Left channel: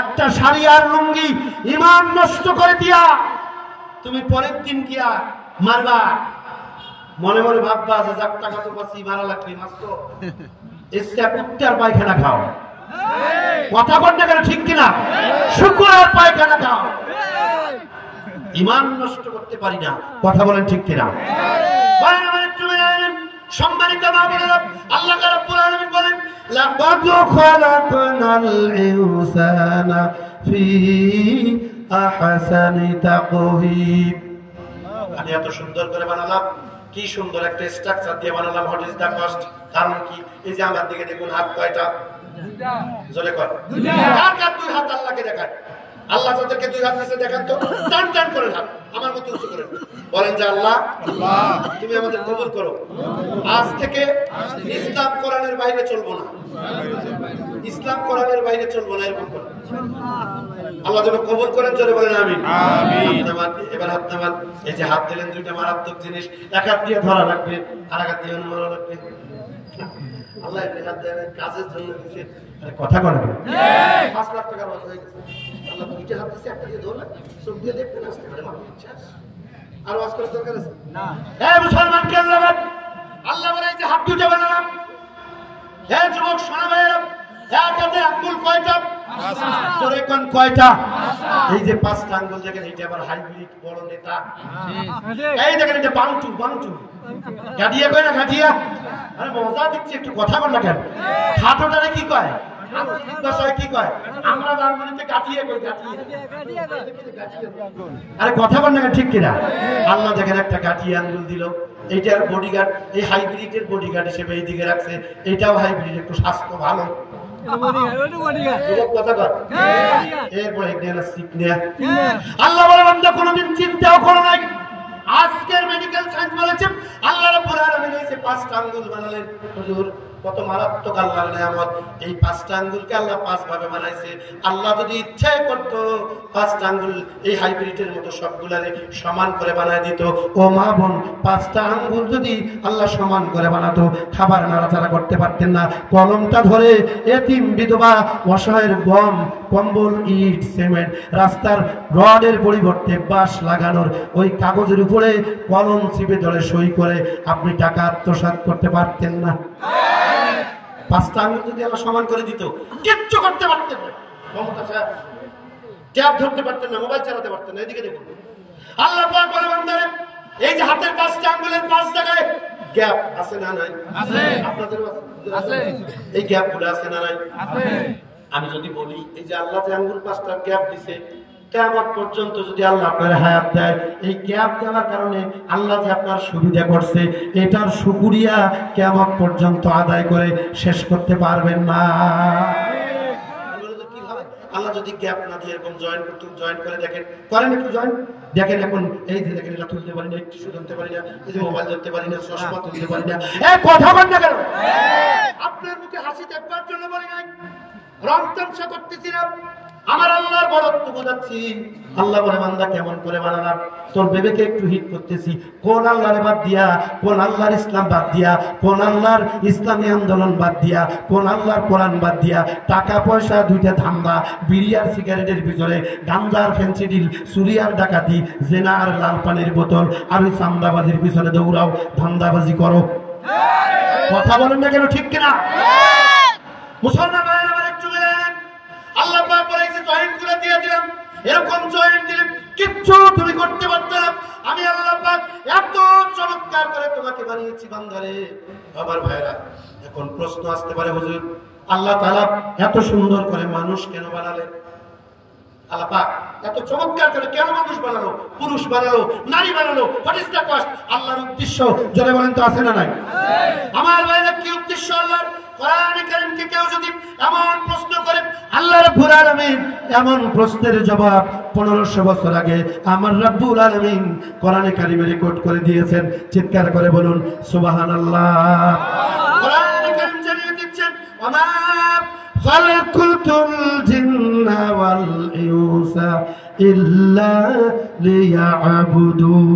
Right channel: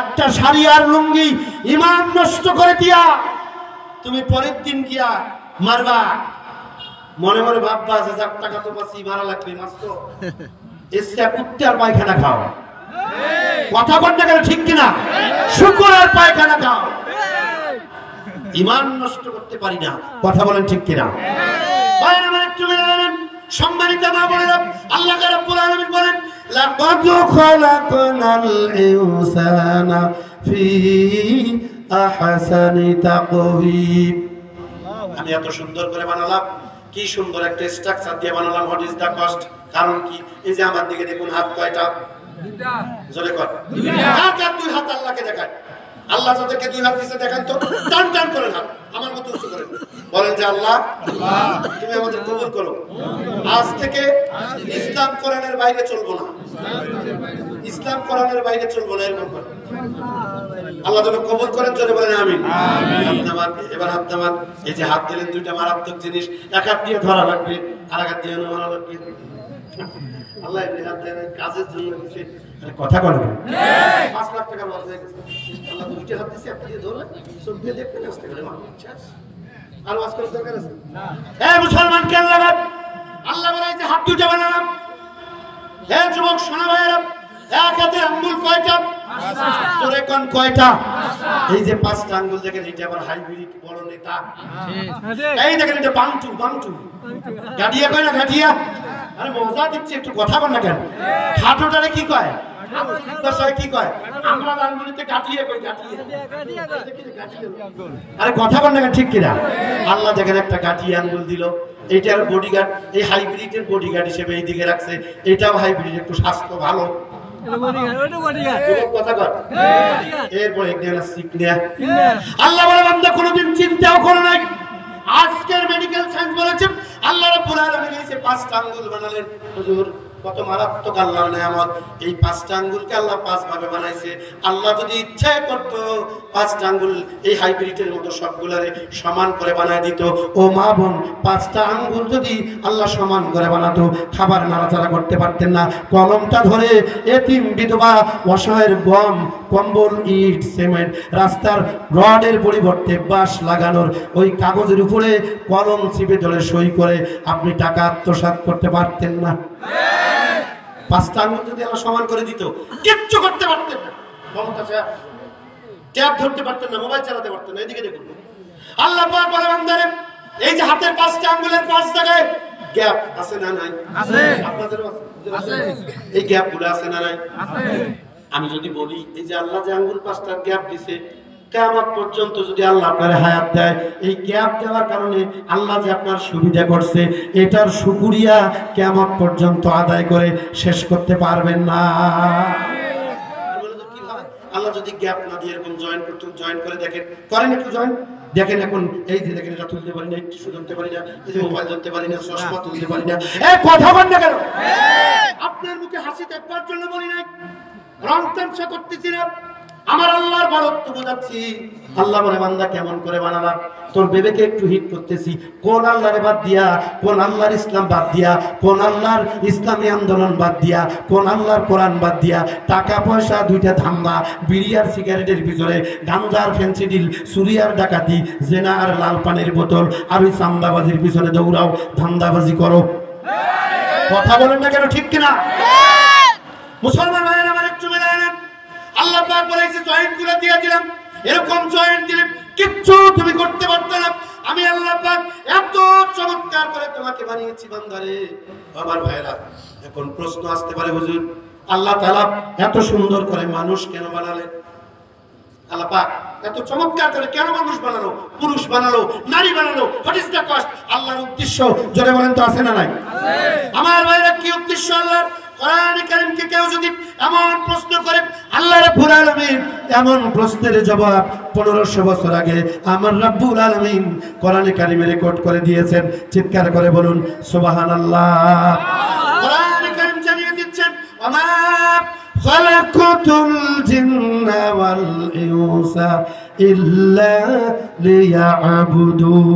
একটা শাড়ি আর লুঙ্গি ইমান নষ্ট করে দিয়া তুমি পরের দিন গিয়া মারবা, মনে মনে ভাববা যে যাক টাকা তো পাচ্ছি মারা লাগবে, মাত্র এসে কুত্তার পায়খানা খাও। কথা বলতে গেলে ঠিক কিনা? শুকুর আর পায়খানা খাও। ইমান নষ্ট করতে পারি না, কথা বলেন ঠিক কিনা? সম্মানিত মা বোনেরা, আল্লাহ রাব্বুল আলামিন বলেন লাকাদ খালাকনাল ইনসানা ফি আহসানি তাকওয়িম। আমি এত সুন্দর করে বানালাম, কি সুন্দর একটা স্ট্রাকচার দিয়ে বানালাম। What is the cost? কারণ কি? এই যে আমার দিকে দেখুন, হাত কয়টা? দুইটা। জোরে কর, দুইটা। দুই হাত আল্লাহকে দেখায়। আল্লাহ যাদেরকে দুই হাত দিয়েছে দেখান তো, টান টান করেন হাত, আমার মতো উঁচু করেন, বলেন যে আল্লাহ তুমি আমাদের কবুল করো। আজ থেকে ইসলাম কোরআনের বাইরে চলবো না, ইসলাম কোরআনের বাইরে চলবো না, এরকম করে আল্লাহ যেন কবুল করেন। জোরে বলেন আমিন। এবার হাত নামান। এই যে হাত দিলেন, দুইটা মারাত্মক জিনিস, এক হাত দিয়ে ধরা লাগবে, আর এক হাত দিয়ে মারা লাগবে। আল্লাহ হাত দেন কাজের জন্য দিয়েছে, কথা বলবে 5 লাখ টাকা লস হয়ে গেছে। আল্লাহ দুইটা হাত দিয়েছে, একটা দিয়ে ধরলে চোখ দিয়ে দেখবেন, আসতে পারে আর ওয়াজ করার দরকার আছে না। হ্যাঁ মুসলমান কে আল্লাহ বলে যে হাত দুটো বানালাম। হ্যাঁ যুবক শোনা ভাইয়েরা, এক হাতে আঙ্গুল কয়টা? জোরে কোন কয়টা? এই যে 5টা আঙ্গুল দেখেন, এটা আবার হাইব্রিড বড় নেতা। এই দেখেন এটা বাংটু, বাংটু গাডিয়া কয় না, গাডিয়া। আরে মজা দিচ্ছে, একটু কথা বল না কেন? হাতটারে কি কয়? কি কয়? আমরা আঙ্গুলিতে গাটিয়ে কই, গাটিয়ে। আরে কথা বল না ঠিক কিনা? আল্লাহ দেখেন একটা গাটিয়ে আঙ্গুল দিল, এইটার বডিগার্ড, এই হাইব্রিডের বডিগার্ড হিসেবে এই দিকে রাখছে। এটাও হাইব্রিড, একটু স্বাস্থ্য ভালো। আল্লাহ বলে বান্দা কোনদিন চিন্তাও করো নাই। আজকের মেডিকেল সায়েন্স বলেছে আল্লাহ রাব্বুল আলামিন এই 5টা আঙ্গুল বানালেন। হুজুর কত মারাত্মক আল্লাহর নিয়ামত। এই 5টা আঙ্গুলকে আল্লাহ 5 ভাবে বানাইছে। আল্লাহ যদি ইচ্ছা করতো 5টা আঙ্গুল এই হাইব্রিডের মতো সবগুলারে সমান করে বানায় দিত। ও মা বোন, 5টা আঙ্গুল যদি আল্লাহ সমান করে বানাতো, খাবার নাড়াচাড়া করতে পারতেন না। কলমটা ধরে এতিম বিধবা অসহায়ের গম, কম্বল, ইট, সিমেন্ট, রাস্তার রডের পরিবর্তে বাঁশ লাগানোর ওই কাগজের উপরে কলম চিপে ধরে সই করে আপনি টাকা আত্মসাৎ করতে পারতেন না। 5টা আঙ্গুল যদি আল্লাহ সমান করে দিত, কিচ্ছু করতে পারতেন না। ট্যাব ধরতে পারতেন না, মোবাইল চালাতে পারতেন না। এদিকে দেখুন আল্লাহ পাক বলে বান্দারে, এই যে হাতের 5টা আঙ্গুলের 5 জায়গায় গ্যাপ আছে না নাই? আছে। আপনাদেরও আছে? এই গ্যাপগুলো আছে না নাই? আছে। আমি যদি বলি এই যে আল্লাহ যে আঙ্গুল 5টা গ্যাপ দিছে, কিয়ামত পর্যন্ত যদি আল্লাহ আপনার হায়াত দেয়, এই গ্যাপ দেওয়ার কারণে আল্লাহ যে আপনার সুবিধা করছে, এটার শুকরিয়া কিয়ামত পর্যন্ত আদায় করে শেষ করতে পারবেন না। আল্লাহ যদি গ্যাপ না দিয়ে এরকম জয়েন করতে, জয়েন করে দেখেন, করেন একটু জয়েন দেখেন। এখন এই যে দেখেন, এটা তুলতে পারি না, টিস্যু ধরতে পারি না, এই যে মোবাইল ধরতে পারি না, চশমা তুলতে পারি না। এই কথা বল না কেন? আপনার মুখে হাসি দেখবার জন্য বলি নাই, রং তামসা করতেছি না, আমার আল্লাহর বড়ত্ব বোঝাচ্ছি। আল্লাহ বলে বান্দা কেমন করে বানালাম, তোর বেবেকে একটু হিট করতেছি। কোন আল্লাহর বাদ দিয়া, কোন আল্লাহর ইসলাম বাদ দিয়া, কোন আল্লাহর ইসলামী আন্দোলন বাদ দিয়া, কোন আল্লাহর কোরআন বাদ দিয়া, টাকা পয়সা, দুইটা ধান্দা, বিড়ি আর সিগারেটের পিছনে, গাঞ্জার ফেন্সিডিল, চুরিয়ার ডাকাতি, জেনা আর লাল পানের বোতল আর ওই চান্দাবাজির পিছনে দৌড়াও, ধান্দাবাজি করো। কথা বলেন না কেন? ঠিক কিনা? মুসলমান ভাইয়েরা আমার একটু মেলে নেন। আল্লাহ পাক বলেছে জয়েন্টগুলো দিয়ে দিলাম, এরকম জয়েন্ট দিলাম, কিচ্ছু তুমি করতে পারতো না। আমি আল্লাহ পাক এত চমৎকার করে তোমাকে বানিয়েছি বান্দারে। আমার ভাইয়েরা, এখন প্রশ্ন আসতে পারে, হুজুর আল্লাহ তাআলা এত সুন্দর করে মানুষ কেন বানালেন? আল্লাহ পাক এত চমৎকার করে কেন মানুষ বানালো, পুরুষ বানালো, নারী বানালো? What is the cost? আল্লাহর উদ্দেশ্য জোরে বলেন তো, আছে না নাই? আছে। আমার ভাইরা, কি উদ্দেশ্য আল্লাহর? কোরআন কারীমকে কেউ যদি এমন প্রশ্ন করে, আল্লাহ রাব্বুল আলামিন এমন প্রশ্নের জবাব 1500 বছর আগে আমার রাব্বুল আলামিন কোরআন কারীমে রেকর্ড করে দিয়েছেন। চিৎকার করে বলুন সুবহানাল্লাহ। কোরআন কারীম জানিয়ে দিচ্ছেন, ওমা খালাকুতুল জিন্না ওয়াল ইনসা ইল্লা লিয়াবুদুন।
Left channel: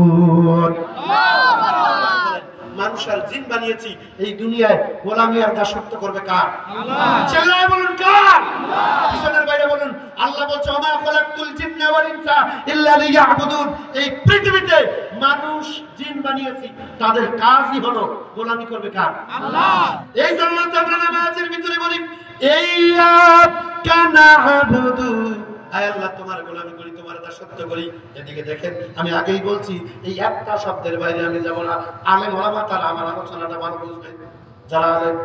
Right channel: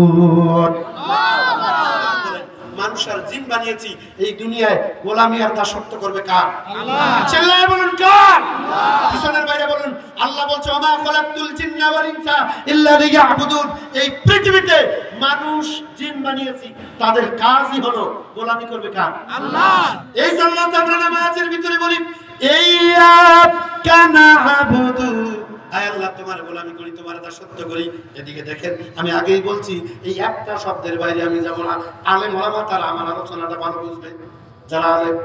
মানুষ আর জিন বানিয়েছি এই দুনিয়ায় গোলামি আর দাসত্ব করবে কার? আল্লাহ। চিল্লায়ে বলুন কার? আল্লাহ। পিছনের বাইরে বলুন আল্লাহ বলছে ওমা খলাকতুল জিন্না ওয়াল ইনসা ইল্লা লিয়াবুদুন, এই পৃথিবীতে মানুষ জিন বানিয়েছি, তাদের কাজই হলো গোলামি করবে কার? আল্লাহ। এই জন্য আমরা নামাজের ভিতরে বলি ইয়্যাকা না'বুদু, আয় আল্লাহ তোমার গোলামি করি, তোমার দাসত্ব করি। এদিকে দেখেন আমি আগেই বলছি এই একটা শব্দের বাইরে আমি যাব না। আলেম ওলামা তারা আমার আলোচনাটা ভালো বুঝবে। যারা আলেম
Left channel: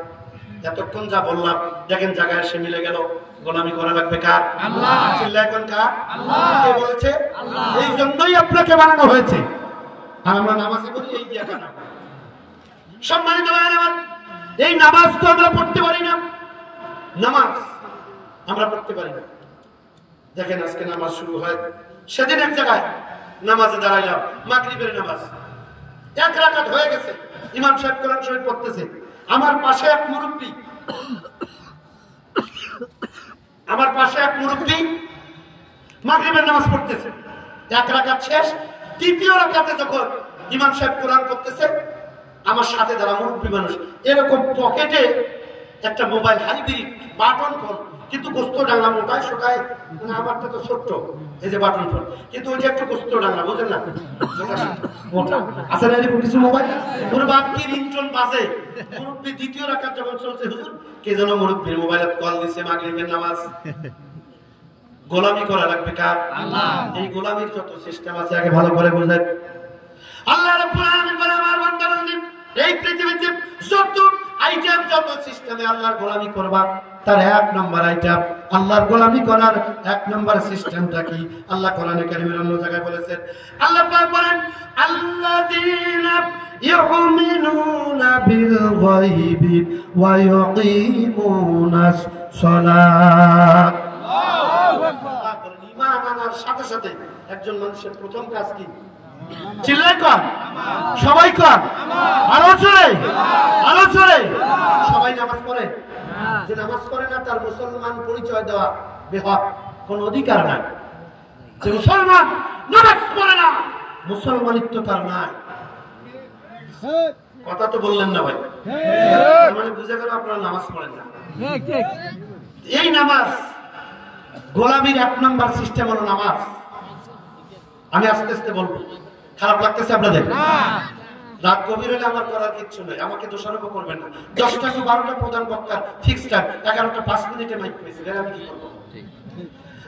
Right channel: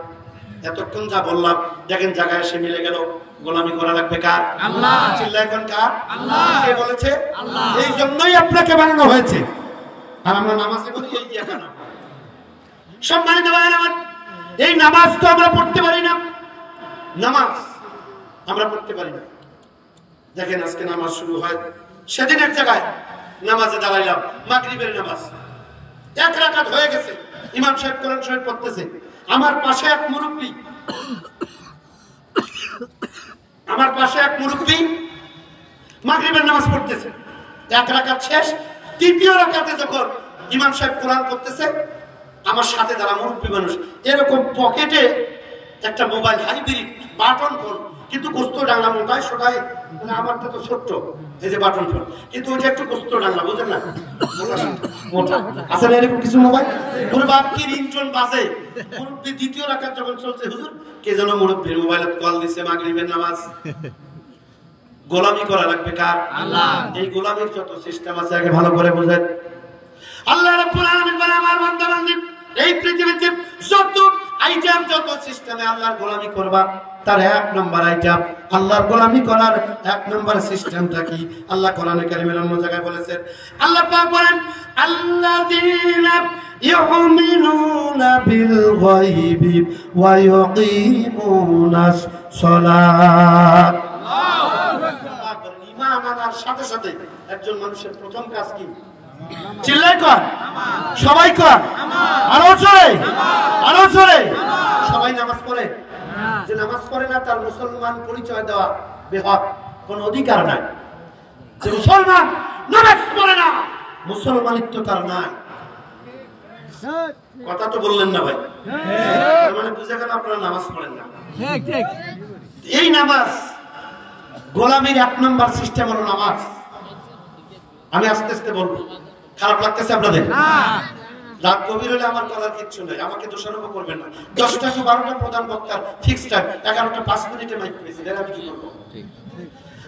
এতক্ষণ যা বললাম দেখেন জায়গায় এসে মিলে গেল। গোলামি করা লাগবে কার? আল্লাহ। চিল্লায় কোন কার? আল্লাহ। কে বলেছে? আল্লাহ। এই জন্যই আপনাকে বানানো হয়েছে। আর আমরা নামাজে বলি এই দিয়া কেন? সম্মানিত ভাইরা আমার, এই নামাজ তো আমরা পড়তে পারি না, নামাজ আমরা পড়তে পারি না। দেখেন আজকে নামাজ শুরু হয়, সেদিন এক জায়গায় নামাজে দাঁড়াইলাম, মাগরিবের নামাজ, এক রাকাত হয়ে গেছে, ইমাম সাহেব কোরআন শরীফ পড়তেছে, আমার পাশে এক মুরব্বি, মাগরিবের নামাজ পড়তেছে, এক রাকাত শেষ, তৃতীয় রাকাতে যখন ইমাম সাহেব কোরআন পড়তেছে, আমার সাথে যারা মুরব্বি মানুষ এরকম পকেটে একটা মোবাইল হাইব্রিড বাটন ফোন, কিন্তু গোস্ত ডাংলা মোটায় সোটায়, মানে আমারটা তো ছোট্ট এই যে বাটন ফোন, কিন্তু ওই যে একটু গোস্ত ডাংলা, বুঝেন না, মোটা আছে না এরকম কিছু মোবাইল। ওর বাপ কি রিংটোন বাজে, মুরব্বি দ্বিতীয় রাকাত যখন চলছে, হুজুর কে যেন মুরব্বির মোবাইলে কল দিছে, মাগরিবের নামাজ। গোলামি করা লাগবে কার? আল্লাহ। এই গোলামির যত সিস্টেম আছে আগে ভালো করে বুঝেন। আল্লাহ রাব্বুল আলামিন বলে আমার বান্দা-বান্দি এই পৃথিবীতে যত আইটেম, যত সিস্টেমে আল্লাহর গোলামি করবা, তার এক নম্বর আইটেম আল্লাহর গোলামি করার এক নম্বর সিস্টেমটা কি? আল্লাহ কোরআনে কারীমের অন্য জায়গায় বলেছেন, আল্লাহ পাক বলেন আল্লাযীনা ইউমিনুনা বিল গায়বি ওয়া ইউকিমুনাস সালাত। আল্লাহু আকবার। ঈমান আনার সাথে সাথে একজন মানুষের প্রথম কাজ কি? চিল্লাই কর, সবাই কর, আরো জোরে, আরো জোরে। সবাই নামাজ পড়ে? যে নামাজ পড়ে না তার মুসলমান পরিচয় দেওয়া বেহক, কোন অধিকার নাই। যে মুসলমান নামাজ পড়ে না, মুসলমানিত্ব তার নাই। কথা তো বললেন না ভাই, মানে বুঝে গেল আপনারা নামাজ পড়েন না। এই নামাজ গোলামির এক নম্বর সিস্টেম হলো নামাজ। আমি আস্তে আস্তে বলবো, খারাপ লাগতেছে আপনাদের? রাত গভীর হলে আমার করার কিচ্ছু নেই, আমাকে দোষারোপ করবেন না। 10টা কি 12টা প্রধান বক্তার ফিক্সড টাইম, 11টা 5 মিনিটে মাইক পেয়েছি, আমি কি করবো?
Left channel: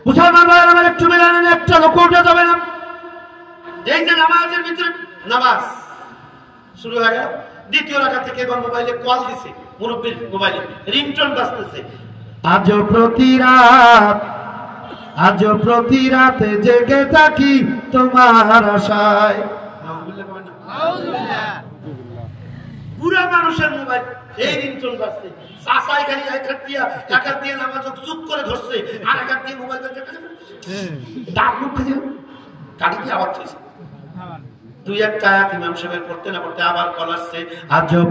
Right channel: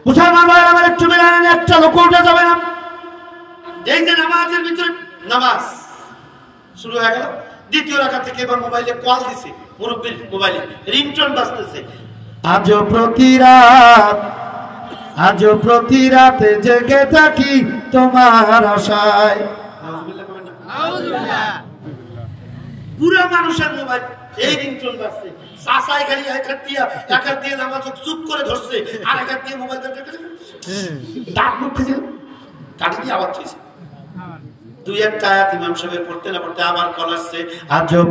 মুসলমান ভাই আমার একটু মেনে নেন, একটা লোক উঠে যাবে না। এই যে নামাজের ভিতরে নামাজ শুরু হয়ে গেল, দ্বিতীয় রাকাত থেকে এবার মোবাইলে কল দিছে, মুরব্বির মোবাইলে রিংটোন বাজতেছে, আজও প্রতি রাতে জেগে থাকি তোমার আশায়। পুরা মানুষের মোবাইল এই রিংটোন বাজছে, চাচাই খালি একাত দিয়ে নামাজ চুপ করে ধরছে, আর একাত দিয়ে মোবাইল ডাক মুখ কাটি দিয়ে আবার চাইছে। দুই একটা আয়াত ইমাম সাহেবের পড়তে না পড়তে আবার কল আসছে, আজও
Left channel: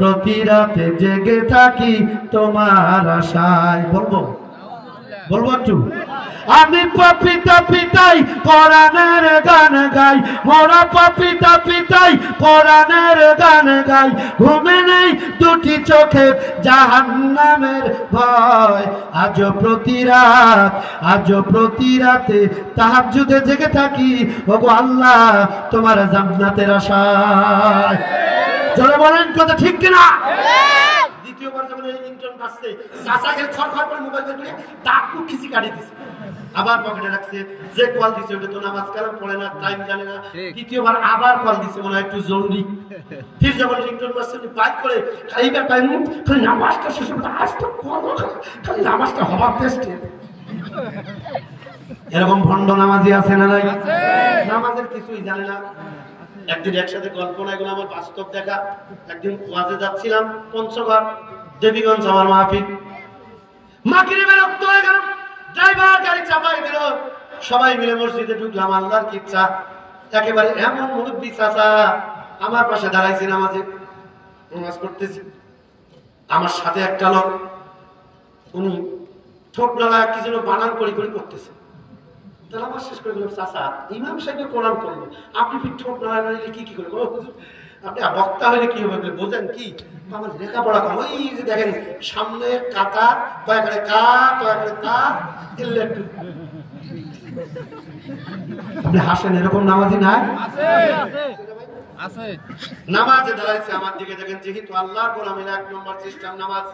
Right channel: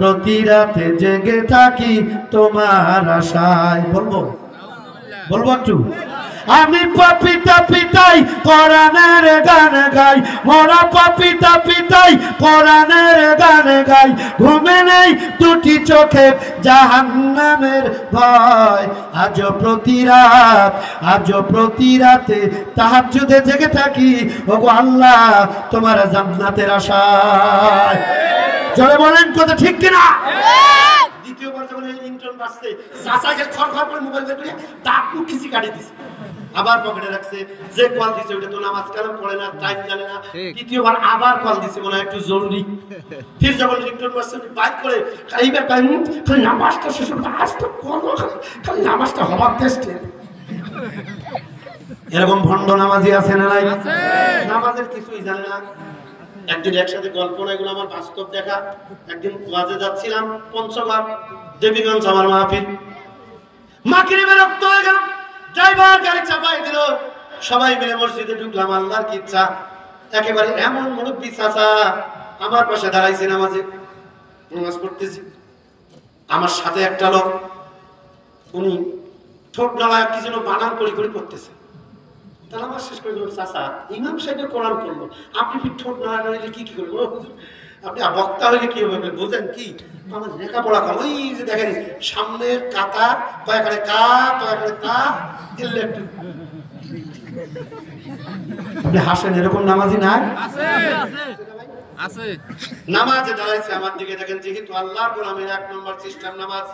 প্রতি রাতে জেগে থাকি তোমার আশায়। বলবো একটু, আমি পাপিতা পিতাই কোরআনের গান গাই, মোরা পাপিতা পিতাই কোরআনের গান গাই, ঘুমে নেই দুটি চোখে জাহান্নামের ভয়। আজও প্রতি রাতে তাহাজ্জুদে জেগে থাকি, ওগো আল্লাহ তোমার জান্নাতের আশায়। জোরে বলেন কথা ঠিক কিনা? দ্বিতীয়বার যখন এই রিংটোন বাজছে, চাচাকে খড়খড় করে মোবাইল বের করে ডাকু খিচি কাটি দিছে, আবার পকেটে রাখছে। যে কল দিছে ওটা তো নামাজ কালাম পড়ে না, টাইম জানে না। দ্বিতীয়বার আবার কল দিছে, মনে হয় একটু জরুরি। ফির যখন রিংটোন বাজছে বাইক করে এইবার টাইম খালি নামাজটা শেষ হবে, আজটা করবো, খালি নামাজটা হবার টেস্টে। এরকম ভণ্ড নামাজি আছে না নাই? নামাজের কিছুই জানে না। একদিন একসাথে গল্প না, এগুলো আমার বাস্তব দেখা। একদিন ওয়াজে যাচ্ছিলাম পঞ্চগড় দেবীগঞ্জ, আমার মাহফিল, মাগরিবের রক্ত হয়ে গেল, ড্রাইভার গাড়ি চাপাই দিল, সবাই মিলে মসজিদে ঢুকলাম। আল্লাহর কি ইচ্ছা, একেবারে এমন মুরব্বি চাচা আমার পাশে দাঁড়াইছে, নামাজ পড়তেছি। আমার সাথে একটা লোক, উনি ঠোঁট নাড়ায় কি যেন বানান করি করতেছে। তাহলে আমার শেষ করে দিলাম, চাচা ইমাম সাহেবের কোরআন করলো, আপনি ঠোঁট নাড়াইলে কি করবো? আপনি বক্তা হইলে কি হবে বুঝেন কি আমার লেখাপড়া কম ওই যে দেখেন সামনের কাকা কয়েকখানে কা কয়েকখানে তা দিলে একটু আপনি হাসেন এরকম নামাজি না আছে নামাজে দাঁড়াইছে আমার দিকে দেখেন যেহেতু আল্লাহর গোলামের 1 নম্বর সিস্টেম নামাজ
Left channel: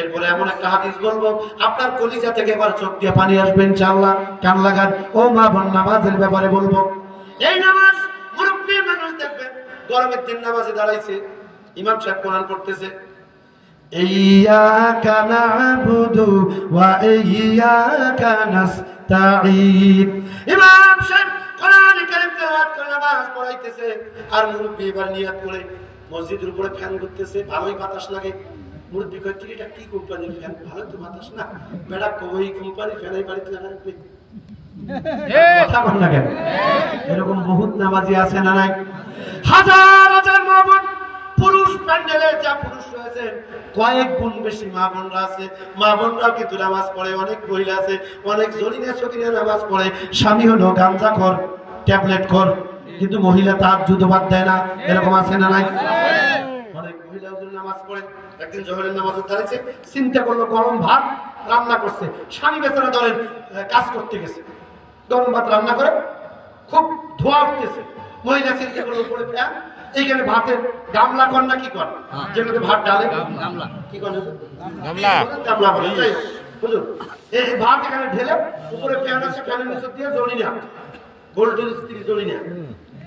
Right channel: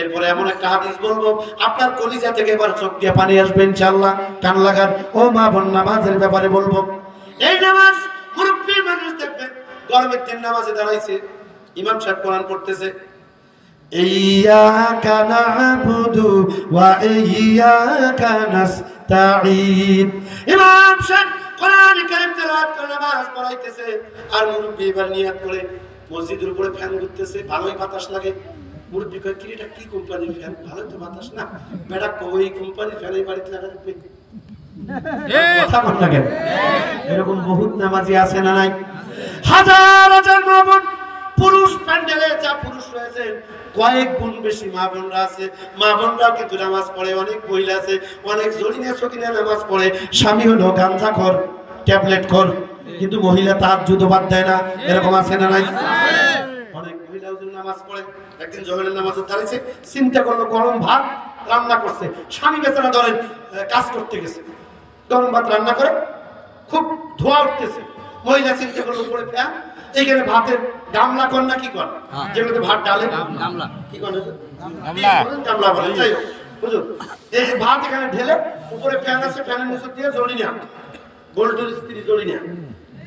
এরপরে এমন একটা হাদিস বলবো আপনার কলিজা থেকে এবার চোখ দিয়ে পানি আসবে ইনশাআল্লাহ কান লাগান ও মা বোন নামাজের ব্যাপারে বলবো এই নামাজ মুরব্বি মানুষ দেখবেন গরমের দিন নামাজে দাঁড়াইছে ইমাম সাহেব কোরআন পড়তেছে ইয়্যাকা না'বুদু ওয়া ইয়্যাকা নাস্তাঈন ইমাম সাহেব কোরআন কারীম তেলাওয়াত করে নামাজ পড়াইতেছে আর মুরব্বি এবার নিয়ত করে মসজিদের উপরে ফ্যান ঘুরতেছে ভালোই বাতাস লাগে মুরব্বি কয় কি এটা কি কোম্পানির ফ্যান ভালো তো বাতাস না বেটা কই কোম্পানির ফ্যান এই বাড়িতে লাগা রাখবে কথা বল না কেন এরকম বহুত নামাজি আছে না নাই হাজার হাজার মা বোন পুরুষ প্যান্ডেলে যা পুরুষ রয়েছে কয়েক গুণ বেশি মা বোনরা আছে মা বোনরাও কিন্তু নামাজ পড়ে অনেক মহিলা আছে অনেক জলিনে সকিনে নামাজ পড়ে স্বামী হলো গাঁজা খোর ট্যাবলেট খোর কিন্তু মহিলা তাহাজ্জুদ বাদ দেয় না এরকম আছে না নাই অনেক মহিলা ওজন নামাজ পড়ে একদিন জোহরের নামাজ দাঁড়িয়েছে চিন্তা করলো গরম ভাত রান্না করছে স্বামী বেচারা ধরেন কাজ করতে গেছে গরম ভাত রান্না করে খুব ধোঁয়া উঠতেছে মহিলা চিন্তা করলো পড়ে ফ্যান এইখানে ভাতের গামলা কর না কি কর যেগুলোতে ভাত ডালে গামলা কি কর গামলা বলে তাই বুঝুন এই ভাত এখানে ঢেলে উপরে ফ্যান আছে ফ্যানের নিচে দিয়ে জড়ি না বোল্টের স্ত্রী জড়ি না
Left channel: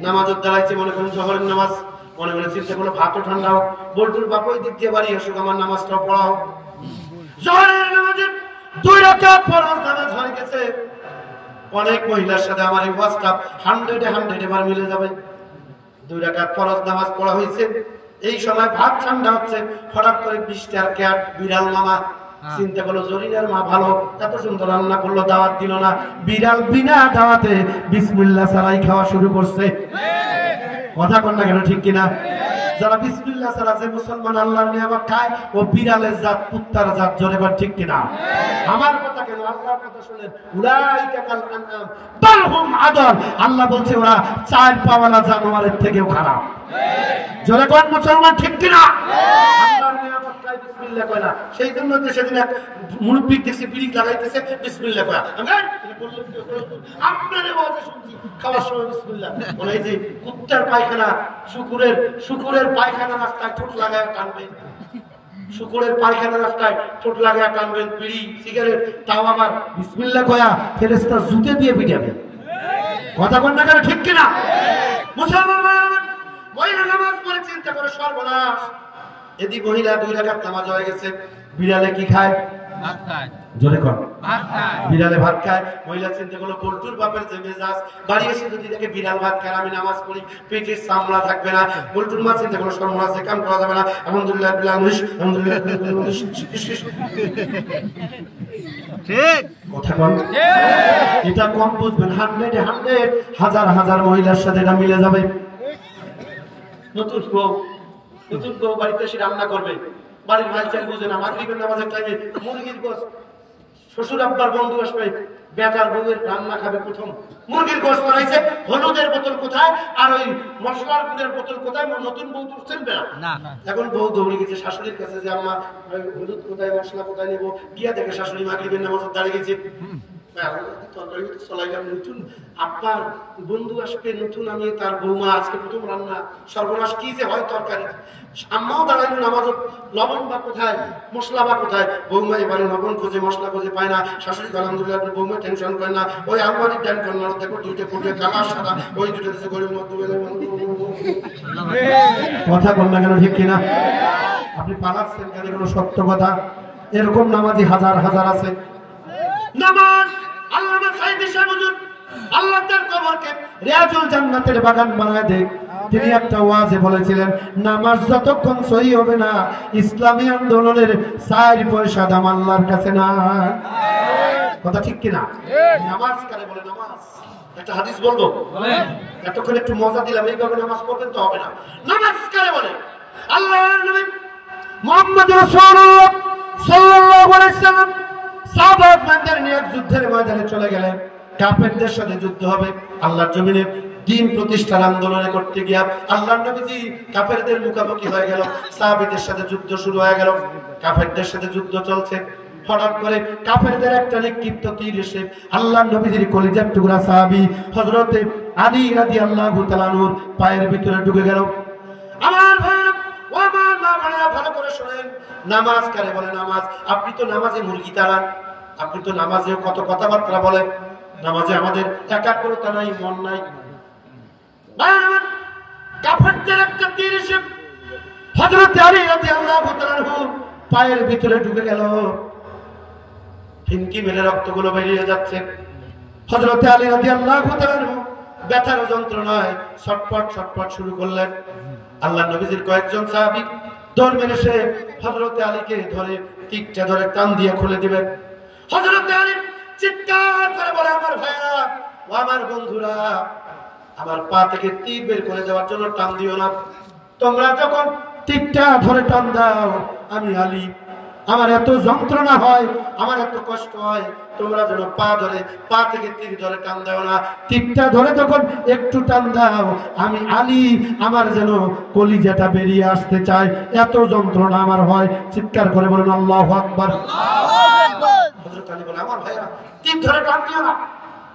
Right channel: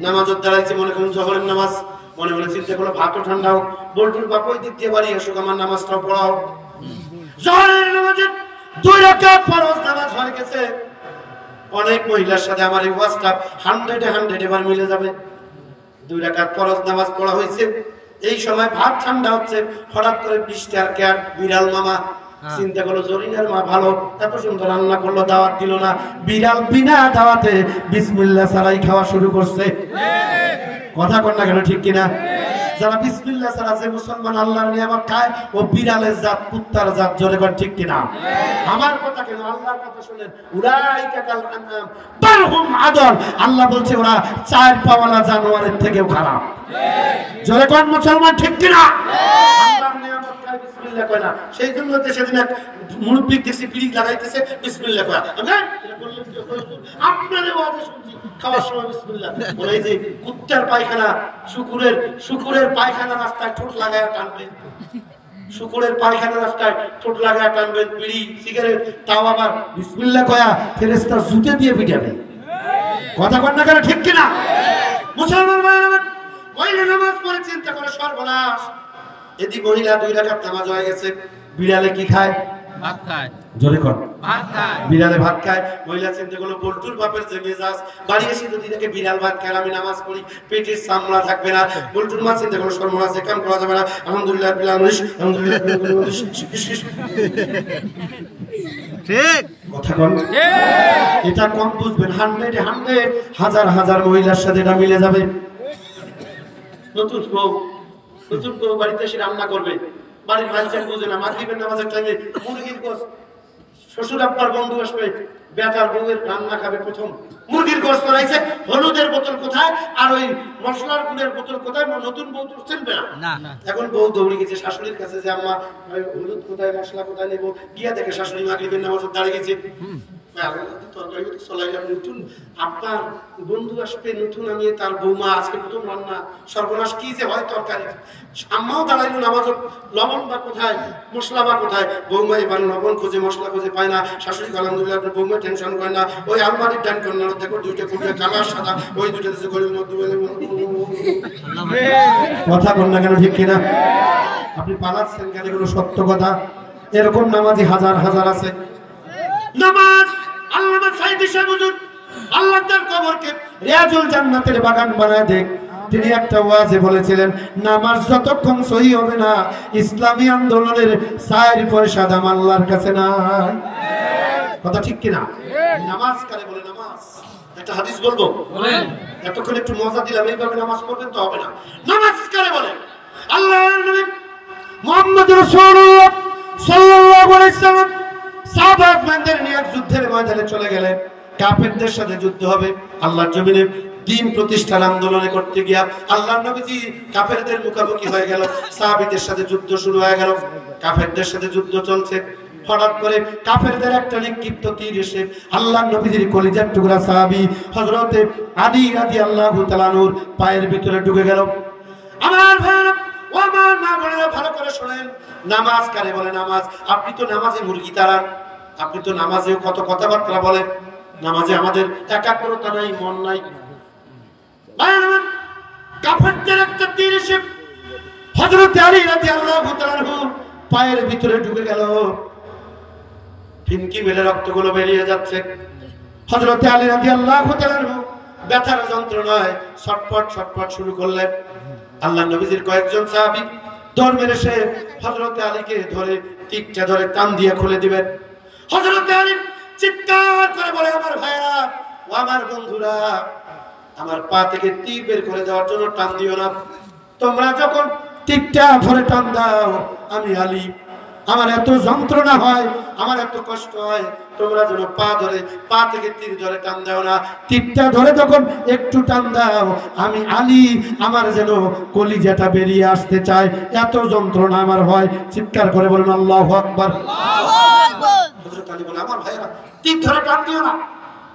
নামাজ দাঁড়াইছে মনে করুন জহরের নামাজ মনে মনে চিন্তা করলো ভাতও ঠান্ডা হোক বোল্টের বাপ ওই দিক দিয়ে বাড়ি আসুক আমার নামাজটাও পড়া হোক জহরের নামাজের 2 রাকাত ফরজ নামাজ হয়ে গেছে অনেক মহিলার সাথে আমার এই ওয়াজটা 100 এবার মিলে যাবে 2 রাকাত ফরজ নামাজ পড়া হয়েছে এই সময় ভাত ঠান্ডা হচ্ছে হঠাৎ করে বৃষ্টির ক্যাট বিড়াল মামা চিন্তা করলো জরিনার মা ভালো এত সুন্দর রান্না করলো দাওয়াত দিল না বিড়াল বিনা দাওয়াতে বিসমিল্লাহ ছাড়াই খাওয়া শুরু করছে কথা কন না কেন ঠিক কিনা যারা বিসমিল্লাহ ছাড়া যে মুসলমান আল্লাহর নিয়ামত খায় ও বিড়ালের জাত কুত্তার জাত জোরে কর ঠিক কিনা আমার কথা কেন আল্লাহর কথা শুনেন উলাইকা কাল আনআম বাল হুম আদল আল্লাহ বলছে ওরা 4 পাওয়ালা জানোয়ারের থেকেও খারাপ জোরে কর মুসলমান ঠিক কিনা আল্লাহর নিয়ামত খায় বিসমিল্লাহ কয় না সেই জন্য তো সেদিন এক মুরব্বি দেখছি বিড়ি লাগাইতেছে বিসমিল্লাহ কয় আমরা এটা করলে কি আপনারে ওয়াজে শুনছি খাওয়ার সময় বিসমিল্লাহ বলে যে কুত্তার পায়খানা শুকুরের পায়খানা রাস্তায় ঠোঁট লাগায় টানবে শুকুরের পায়খানা রাস্তায় ঠোঁট লাগায় টানবেন বিড়ি সিগারেট তাও আবার বিসমিল্লাহ কয়া ফেরেশতা জুতে দিয়ে পিটাবে কথা কন না কেন ঠিক কিনা মুসলমান ভাইরা মহিলা নামাজ পড়ে চিন্তা করে সর্বনাশ এদি মহিলা 2 রাকাত নামাজ হয়ে গেছে বিড়ালে কি খায় ভাত খায় জোরে কর ভাত খায় বিড়ালে ভাত খায় মহিলা চিন্তা করলো বল্টুর বাপের যে মেজাজ বাড়ি এসে যদি দেখে বিড়াল ভাত খায় আমি নামাজ পড়ি পেটের সামলা থাকবে না বল্টুর মা চিন্তা করলো সর্বনাশ কাম করা যাবে না আলহামদুলিল্লাহ বিল আলামিন আলহামদুলিল্লাহ ঠিক কথা বল এটা কম বুঝবেন 100 হাজার হাজার মহিলার সাথে এটা মিলে যাবে নতুন বউ বাড়িতে এসে রান্না করবে বাড়ির ভাইচার বুঝে না মাগরিবের নামাজের টাইমে মুরগির গোশ শ্বশুর আব্বার বন্ধু আসবে বেটার বউয়ের রান্না খাবে প্রথম মুরগির গোশ বানাইছে হলুদের বোতল কোথায় আর ওই মশলার গুঁড়ের বোতল কোথায় নতুন বউ তো চিনবে না এখন বউ দৌড়ে গেছে শাশুড়ির কাছে যে আম্মা হলুদ কোথায় মশলা কোথায় নেবো গিয়া দেখে শাশুড়ি মাগরিবের নামাজে দাঁড়িয়ে গেছে তরকারি তো চলাইলাম নতুন আপনার বন্ধু আসবে নতুন আমি তার বৌমা আজকে প্রথম রান্না সর্বনাশ কি যে হয় তরকারি আম্মাও দাঁড়াইল নামাজ লবণ বা কোথায় মশলা বা কোথায় বৌমা এবার লবণ খোঁজে মশলা খোঁজে পায় না শাশুড়ি আলহামদুলিল্লাহ আপনি বৌমা টেনশন করে না ওই আলমারির ডান কর্নার দেখো 2টা ফুটে কালা সাদা ওই 2টা দেশে গরিব মধ্যে কথা বল না কেন ঠিক কিনা আপনি পালাচ্ছেন কেন এগুলো সত্য কথা এরকম নামাজি হাজার হাজার আছে নামাজ আল্লামা সাইদি সাহেব হুজুর আল্লাহ তার কবরকে রিয়াজুল জান্নাতের বাগান বানায় দেখ তিনি একটা ওয়াজে বলেছিলেন নামাজ যতক্ষণ সহি হবে না ইসলামী আন্দোলনের 4 পয়সা দাম আল্লাহর কাছে না কথা ঠিক কিনা নামাজ কারে বলে নামাজ একটা হাদিস বলবো বলেন এতক্ষণ একটু মজা দিলাম এইভাবে নামাজ পড়বেন তো হবে না নামাজ কারে বলে আল্লাহর নবী মুহাম্মদ রাসূলুল্লাহ সাল্লাল্লাহু আলাইহি সাল্লাম সাহাবাদের নিয়ে যুদ্ধের ময়দানে চলে গেলেন কাফেরদের সাথে যুদ্ধ হবে আল্লাহর জমিনে দিন প্রতিষ্ঠার আন্দোলনে করতে গিয়া আল্লাহর নবীজি কাফেরদের মুখোমুখি হয়ে গেল। সাহাবীদের সাথে যুদ্ধ শুরু হয়ে গেল, কাফেরদের সাথে যুদ্ধ চলছে। হঠাৎ করে কাফেরদের একটা নিক্ষিপ্ত তীর এসে আল্লাহর নবীজির কলিজার টুকরা সাহাবী হযরতে আলী রাদিয়াল্লাহু তাআলা আনহুর পায়ের ভিতরে ঢুকে গেল। আমার ভাইরা, ও আমার মা বোনেরা, ভালো করে শুনেন। নামাজ কারে বলে? নামাজ। আপনি তো নামাজে মুরগি তাড়ান, আপনি তো নামাজেও কত কথাবার্তা বলেন। নামাজে আমাদের একাগ্রতা নাই, মন নাই। কাফেরদের একটা তীর এসে হযরত আলী রাদিয়াল্লাহু তাআলা আনহুর পায়ের ভিতরে ঢুকে গেল। ফিনকি মেরে রক্তগুলো বেরিয়ে যাচ্ছে। হযরত আলী রাদিয়াল্লাহু তাআলা আনহু ব্যথার যন্ত্রণায় ছটফট ছটফট শুরু করলেন। আল্লাহর নবীজির কয়েকজন সাহাবী দৌড় মেরে এসে হযরত আলীকে ধরে তীরটা ধরে টান দিয়ে খুলে দিবেন। হযরত আলী চিৎকার করে বলে, আমার ভাইরা ও আমার বন্ধুরা, আমার পা থেকে তীর বের করে দেওয়ার জন্য টান দিও না। তোমরা যখন তীরটা ধরে টান দাও, আমি আলী, আমার এত যন্ত্রণা হয়, আমার এত কষ্ট হয়, তোমরা যেন পা থেকে তীর ধরে টান দাও না। তীরটা ধরে যখন একটু টান দাও, আমি আলী, আমার যেন কলিজাটা বেরিয়ে আসতে চায়, এত যন্ত্রণা আমার হয়। চিৎকার করে বলেন আল্লাহু আকবার। হযরত আলী বলে, আমার ভাইরা, তীর ধরে টান দিও না।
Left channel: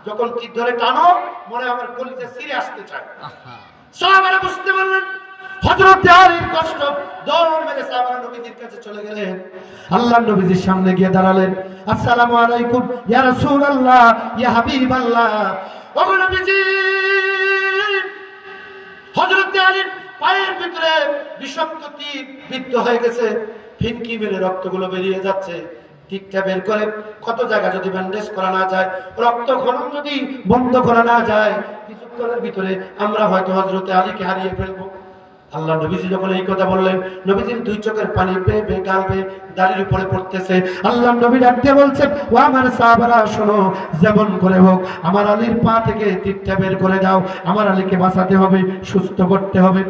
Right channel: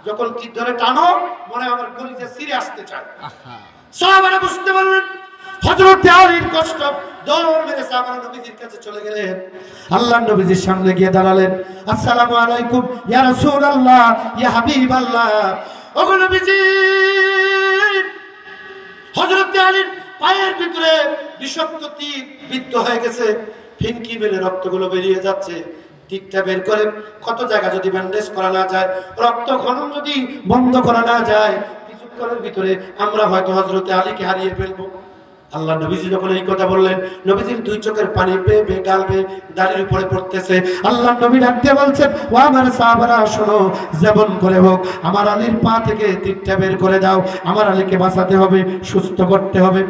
যখন তীর ধরে টানো, মনে আমার কলিজা ছিঁড়ে আসতে চায়। সাহাবারা বুঝতে পারলেন হযরত আলীর কষ্ট। দৌড় মেরে সাহাবারা নবীজির কাছে চলে গেলেন। আল্লাহর নবীজির সামনে গিয়ে দাঁড়ালেন। আসসালামু আলাইকুম ইয়া রাসূলুল্লাহ, ইয়া হাবিবাল্লাহ। ওগো নবীজি, হযরত আলীর পায়ের ভিতরে বিষাক্ত তীর বিদ্ধ হয়ে গেছে, ফিনকি মেরে রক্তগুলো বেরিয়ে যাচ্ছে। তীরটা বের করে কত জায়গা যদি ব্যান্ডেজ করা না যায়, রক্ত খনন যদি বন্ধ করা না যায়, কিছুক্ষণের ভিতরে আমরা হয়তো হযরত আলীকে হারিয়ে ফেলবো। আল্লাহ নবীজি যখন এই কথা বললেন, নবীজির দুই চোখের পানি বেয়ে বেয়ে গাল বেয়ে দাড়ির উপরে পড়তেছে। আল্লাহ নবী ডাক দিয়ে বলছেন, ও আমার সাহাবারা শোনো, যেমন করে হোক আমার আলীর পা থেকে তীরটা বের করে দাও, আমার আলীকে বাঁচাতে হবে, সুস্থ করতে হবে।